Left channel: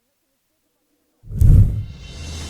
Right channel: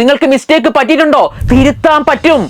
നിങ്ങൾക്ക് മിസ്റ്റേക്ക് പറ്റിയിട്ടുണ്ടോ? തിരുത്താൻ പറ്റും.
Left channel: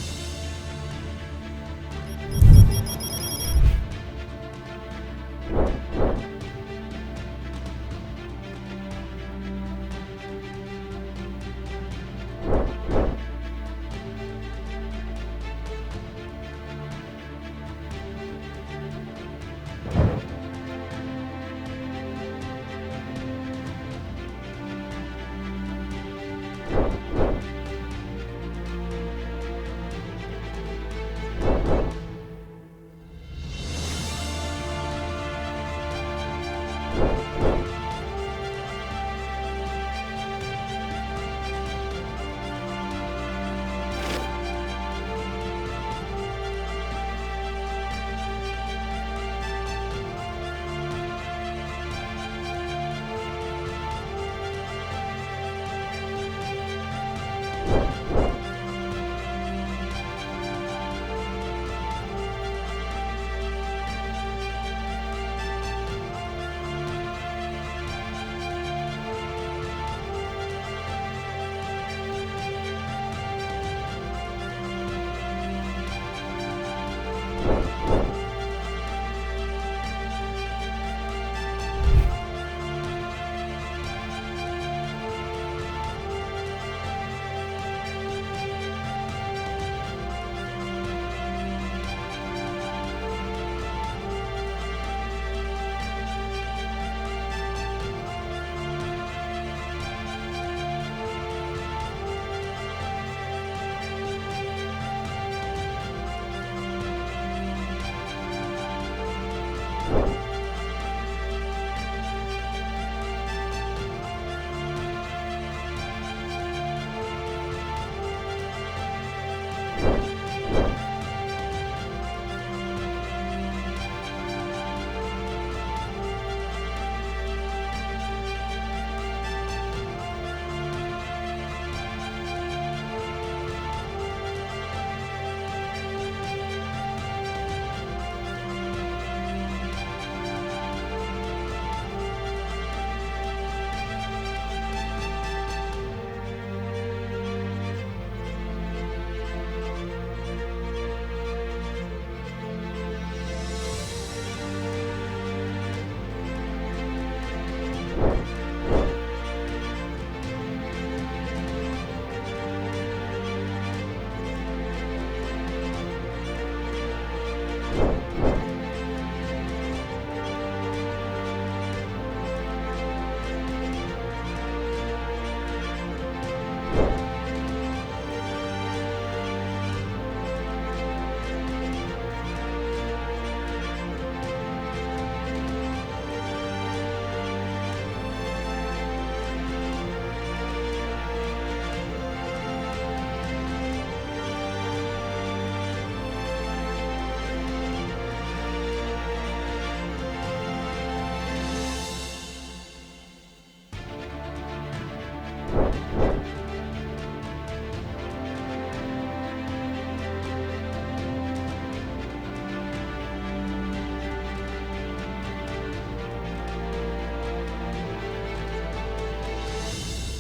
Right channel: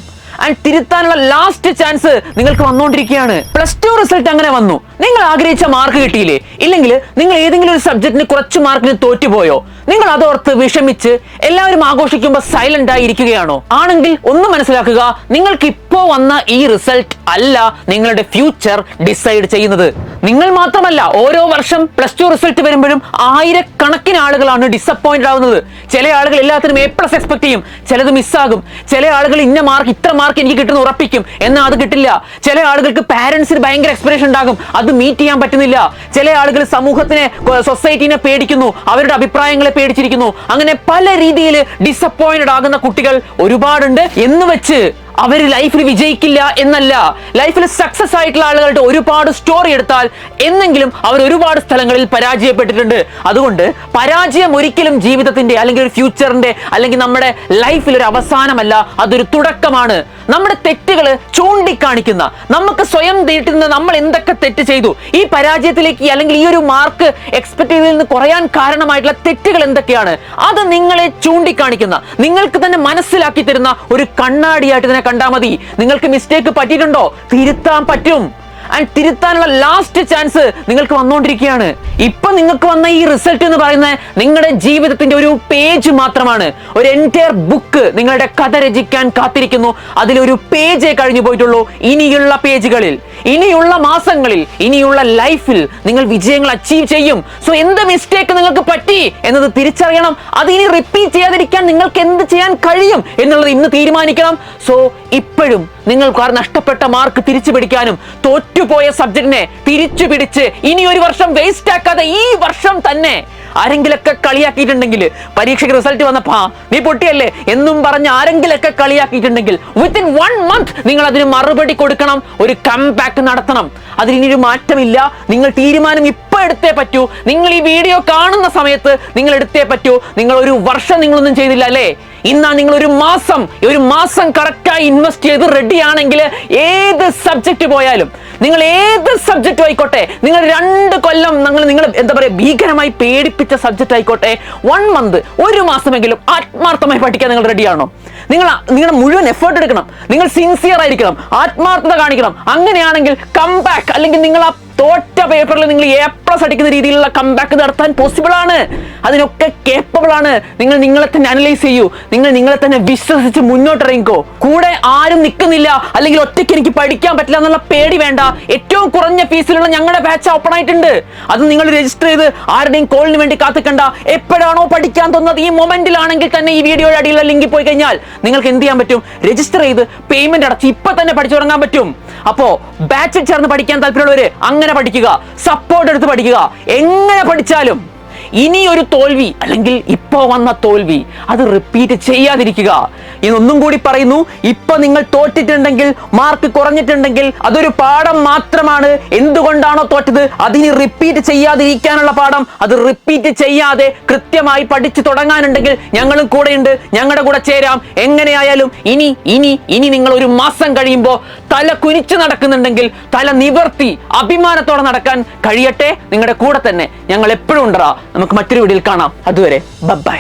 ആൻഡ് തിരുത്താനുള്ള ലാസ്റ്റ് ചാൻസ് നിങ്ങൾക്ക് വന്നുകൊണ്ടിരിക്കുകയാണ്. +2 റിസൾട്ട് അങ്ങനെ വന്നു, നിങ്ങൾ ആഗ്രഹിച്ച മാർക്ക് കിട്ടിയില്ലേ? ഇല്ലെങ്കിൽ നിങ്ങൾ ഏതെങ്കിലും ഒരു സബ്ജക്റ്റിന് കുറച്ച് മാർക്കിന് തോറ്റുപോയോ? നിങ്ങൾ അതോർത്ത് വിഷമിച്ച് എല്ലാവരും ആഘോഷിക്കുമ്പോൾ സൈലന്റ് ആയി ഇരിക്കുകയാണോ? ആണെങ്കിൽ ഒന്ന് മനസ്സിലാക്കുക, നിങ്ങൾക്ക് ഇപ്പോ വന്ന ഈ റിസൾട്ട് അല്ല നിങ്ങളുടെ ഫ്യൂച്ചർ ഡിസൈഡ് ചെയ്യുന്നത്. നിങ്ങൾ മാത്രമല്ല, ഓരോ വർഷം +2 റിസൾട്ട് വരുമ്പോഴും ആയിരക്കണക്കിന് ആളുകളാണ് ഡിസപ്പോയിന്റഡ് ആവുന്നത്. ചില ആളുകൾ എല്ലാത്തിനും A+ എക്സ്പെക്ട് ചെയ്യും, ചിലത് മിസ്സാകും. ചില ആളുകൾ ഇന്ന മാർക്ക്, ഇത്ര മാർക്ക് എനിക്ക് കിട്ടുന്ന ഉറപ്പിക്കും, എന്നാൽ അത് കിട്ടില്ല. ചില ആളുകൾക്ക് പാരന്റ്സിന് ഭയങ്കര എക്സ്പെക്ടേഷൻ ഉണ്ടാകും, അത് മീറ്റ് ചെയ്യാൻ പറ്റുന്നില്ല. ചില ആളുകൾ സമൂഹത്തിനെ, സൊസൈറ്റിനെ പേടിക്കുന്നു, അവരുടെ അഭിപ്രായങ്ങളെ പേടിച്ചിരിക്കുന്നു. അങ്ങനെ പല രീതിയിൽ ഡിസപ്പോയിന്റഡ് ആകുന്ന കുട്ടികൾ ഒരുപാടുണ്ട്. എന്ന് വെച്ച് അവർ ലൈഫിൽ വിജയിക്കില്ല എന്നല്ല. ലൈഫിൽ സക്സസ് ആയിട്ടുള്ള ആളുകളുടെ ഒരുപാട് സ്റ്റോറി എടുത്താൽ എന്നെങ്കിലും അവർ ഒരുപാട് സ്ഥലങ്ങളിൽ പരാജയപ്പെട്ടിട്ടുണ്ട്. അതുകൊണ്ട് പരാജയം ഒരിക്കലും ജീവിതത്തിന്റെ അല്ലെങ്കിൽ ഒരു ഫ്യൂച്ചറിന്റെ അല്ലെങ്കിൽ നമ്മുടെ ലൈഫിൽ ഒരു അവസാനമല്ല, അതൊരു തുടക്കമാണ്. നമ്മുടെ തെറ്റുകൾ ചൂണ്ടിക്കാണിക്കുന്ന, നമുക്ക് സ്വയം തീട്ടുന്ന നമ്മൾ എന്തൊക്കെ തെറ്റ് ചെയ്തു, ഈ പരാജയത്തിലേക്ക് അല്ലെങ്കിൽ ഈ ഒരു മാർക്ക് എക്സ്പെക്ട് ചെയ്തതിൽ നിന്ന് കുറയാൻ കാരണമായിട്ടുള്ള തെറ്റുകൾ എന്തൊക്കെയാണ്, അത് നിങ്ങളെ ചൂണ്ടിക്കാണിക്കുന്ന, നിങ്ങൾക്ക് തന്നെ മനസ്സിലാക്കി തരുന്ന ഒരു കണ്ണാടിയായിട്ട് ഇതിനെ കണ്ടാൽ മതി. നിങ്ങൾക്ക് മിസ്റ്റേക്ക് പറ്റിയിട്ടുണ്ടോ? തിരുത്താൻ പറ്റും. ആൻഡ് തിരുത്താനുള്ള ലാസ്റ്റ് ചാൻസ് നിങ്ങൾക്ക് വന്നുകൊണ്ടിരിക്കുകയാണ്. ഇപ്പൊ നിങ്ങൾക്ക് വന്ന ഈ റിസൾട്ട് എന്ന് പറയുന്നത് നിങ്ങളുടെ ജീവിതത്തിന്റെ ഒരു പേജ് മാത്രമാണ്. ഒരു എൻറ്റയർ ബുക്ക് നിങ്ങളുടെ കഥ രചിക്കാൻ കാത്തിരിക്കുന്നു. അതിലൊരു പേജേ കഴിഞ്ഞു പോയിട്ടുള്ളൂ. ഇനിയുള്ള പേജുകളിൽ, ഇനിയുള്ള മാസങ്ങളിൽ, ഇനിയുള്ള ലൈഫിൽ നിങ്ങൾ വിജയങ്ങൾ അച്ചീവ് ചെയ്യും. സോ എന്ത് മിസ്റ്റേക്ക് നിങ്ങൾക്ക് പറ്റി എന്നത് തിരിച്ചറിയണം. അത് ഇനി റിപ്പീറ്റ് ചെയ്യാതിരിക്കാൻ നിങ്ങൾക്ക് എന്ത് ചെയ്യാൻ കഴിയും എന്നുള്ളത് ഇന്ന് തീരുമാനിക്കണം. സോ ഇപ്പോഴും നിങ്ങൾക്ക് നഷ്ടപ്പെട്ട മാർക്ക് തിരിച്ചു പിടിക്കാനും തോറ്റുപോയ സബ്ജക്റ്റിനെ തിരിച്ചു പിടിച്ച് ഇനി ഒരു വർഷം വേസ്റ്റ് ആക്കാതെ ഈ വർഷം തന്നെ ആരെങ്കിലൊക്കെ കളിയാക്കിയിട്ടുണ്ടെങ്കിൽ, പരീക്ഷയ്ക്ക് റിസൾട്ട് വന്നപ്പോ നീ പൊട്ടിയല്ലേ എന്നും പറഞ്ഞ് ആരെങ്കിലൊക്കെ കളിയാക്കിയിട്ടുണ്ടെങ്കിൽ വിത്തിൻ 1 month നിങ്ങൾ അതിന് മറുപടി കൊടുക്കണം. ഒരു കംബാക്ക് നടത്തണം. അതിനൊരു മാറ്റമില്ല. നിങ്ങൾ തീരുമാനം ഇപ്പൊ എടുത്തേ പറ്റൂ. നിങ്ങൾ ഈ വീഡിയോ കാണുന്ന സമയത്ത് നിങ്ങൾ എടുത്തേ പറ്റൂ. നിങ്ങൾ ഒരു വർഷം നിങ്ങളൊന്നും ചെയ്തില്ല അല്ലേ? ഇന്നാ നിങ്ങൾ ഒരു മാസം കറക്റ്റായി ഇൻവെസ്റ്റ് ചെയ്ത് റെഡി ആണെങ്കിൽ ഏത് സബ്ജക്റ്റ് പോയാലും, നിങ്ങൾ ഏത് സബ്ജക്റ്റ് ആയിക്കോട്ടെ, നിങ്ങൾ 2 കൊല്ലം നിങ്ങൾ എന്താ പറയുക ഭീകരമായി പേടിപ്പിച്ച സബ്ജക്റ്റ് ആയിക്കോട്ടെ, 1 month, ഒരു മാസമെങ്കിലും ആത്മാർത്ഥമായി പഠിക്കാൻ നിങ്ങൾ റെഡിയാണോ? നിങ്ങളുടെ മുഴുവൻ എഫേർട്ട് എടുക്കണം. നിങ്ങൾ സിൻസിയർ ആയിരിക്കണം, ആത്മാർത്ഥത കാണിക്കണം. അങ്ങനെയാണെങ്കിൽ കംബാക്ക്, അല്ലെങ്കിൽ നിങ്ങൾ ആ തോറ്റ പേപ്പറിൽ നിങ്ങൾ A+ അടിക്കുന്ന രീതിയിലുള്ള കംബാക്ക് നടത്താൻ പോസിബിൾ ആണ്. അതിനൊക്കെ കേപ്പബിൾ ആണ്. നിങ്ങൾ നിങ്ങളെ തന്നെ അനലൈസ് ചെയ്യൂ. നിങ്ങൾ നിങ്ങളെ തന്നെ വിശ്വസിച്ച് മുന്നോട്ടിറങ്ങിക്കോ. കൂടെ ആരും നിൽക്കുന്നില്ല അല്ലെങ്കിൽ ഒറ്റയ്ക്ക് എനിക്ക് പഠിക്കാൻ പറ്റില്ല എന്നുള്ള പേടി വേണ്ട. ഏറ്റവും കുറഞ്ഞ ഫീസിലുള്ള ഞങ്ങളുടെ ബാച്ച് ഓപ്പൺ ആയിട്ടുണ്ട്. അത് നിങ്ങൾ രജിസ്റ്റർ ചെയ്ത് ആരുടെയും കോളിന് വേണ്ടി കാത്തിക്കണ്ട. എപ്പോഴാണോ പഠിക്കാൻ തോന്നുന്നത് ഈ മൊമെന്റിലാണെങ്കിൽ തന്നെ ഈ വീഡിയോയുടെ അടിയിലുള്ള ലിങ്കിൽ പോയി കഴിഞ്ഞാൽ നിങ്ങൾക്ക് എന്ത് ചെയ്യാൻ പറ്റും? രജിസ്റ്റർ ചെയ്ത് പേയ്മെന്റ് അടച്ച് ഇപ്പൊ തന്നെ പഠിച്ചു തുടങ്ങാൻ പറ്റും. അപ്പോ ബാച്ചിൽ ചേർന്ന് പഠിക്കാൻ താല്പര്യമുള്ളവര് അങ്ങനെ പഠിക്കുക, സപ്പോർട്ട് എടുത്ത് പഠിക്കുക. എങ്ങനെ പഠിച്ചാലും ഇനി ഒരു തോൽവി അല്ലെങ്കിൽ ഇപ്പോ വന്ന തോൽവി അത് റിപ്പീറ്റ് ചെയ്യാതിരിക്കുക. ഇതൊന്നും കൂടി പറയുന്നു, ഇപ്പൊ നിങ്ങൾ തോറ്റിട്ടുണ്ടെങ്കിൽ, മാർക്ക് കുറഞ്ഞിട്ടുണ്ടെങ്കിൽ അതൊരു പാഠം മാത്രമാണ്. എന്തുകൊണ്ടാണോ തോറ്റത് അതിന് റിപ്പീറ്റ് ചെയ്യാതിരിക്കാനുള്ള പാഠം. അത് റിപ്പീറ്റ് ചെയ്യാതെ കൃത്യമായി പഠിച്ചു തുടങ്ങാനുണ്ടെങ്കിൽ ഞങ്ങളും കൂടെയുണ്ട്. ഞങ്ങളുടെ കൂടെ ചേരാം. എങ്ങനെയായാലും ഇനി നിങ്ങൾ ഒരു മാസം കഴിയുമ്പോൾ തല കുനിച്ചു നടക്കുന്നുണ്ടെങ്കിൽ തല നിവർത്തി അഭിമാനത്തോടെ നടക്കാൻ കഴിയട്ടെ. നിങ്ങളുടെ കൂടെ തന്നെ ഞങ്ങൾ എപ്പോഴും ഉണ്ടാ. നമുക്ക് മറ്റൊരു വീഡിയോയിൽ കാണാം. അതുവരെ ബൈ.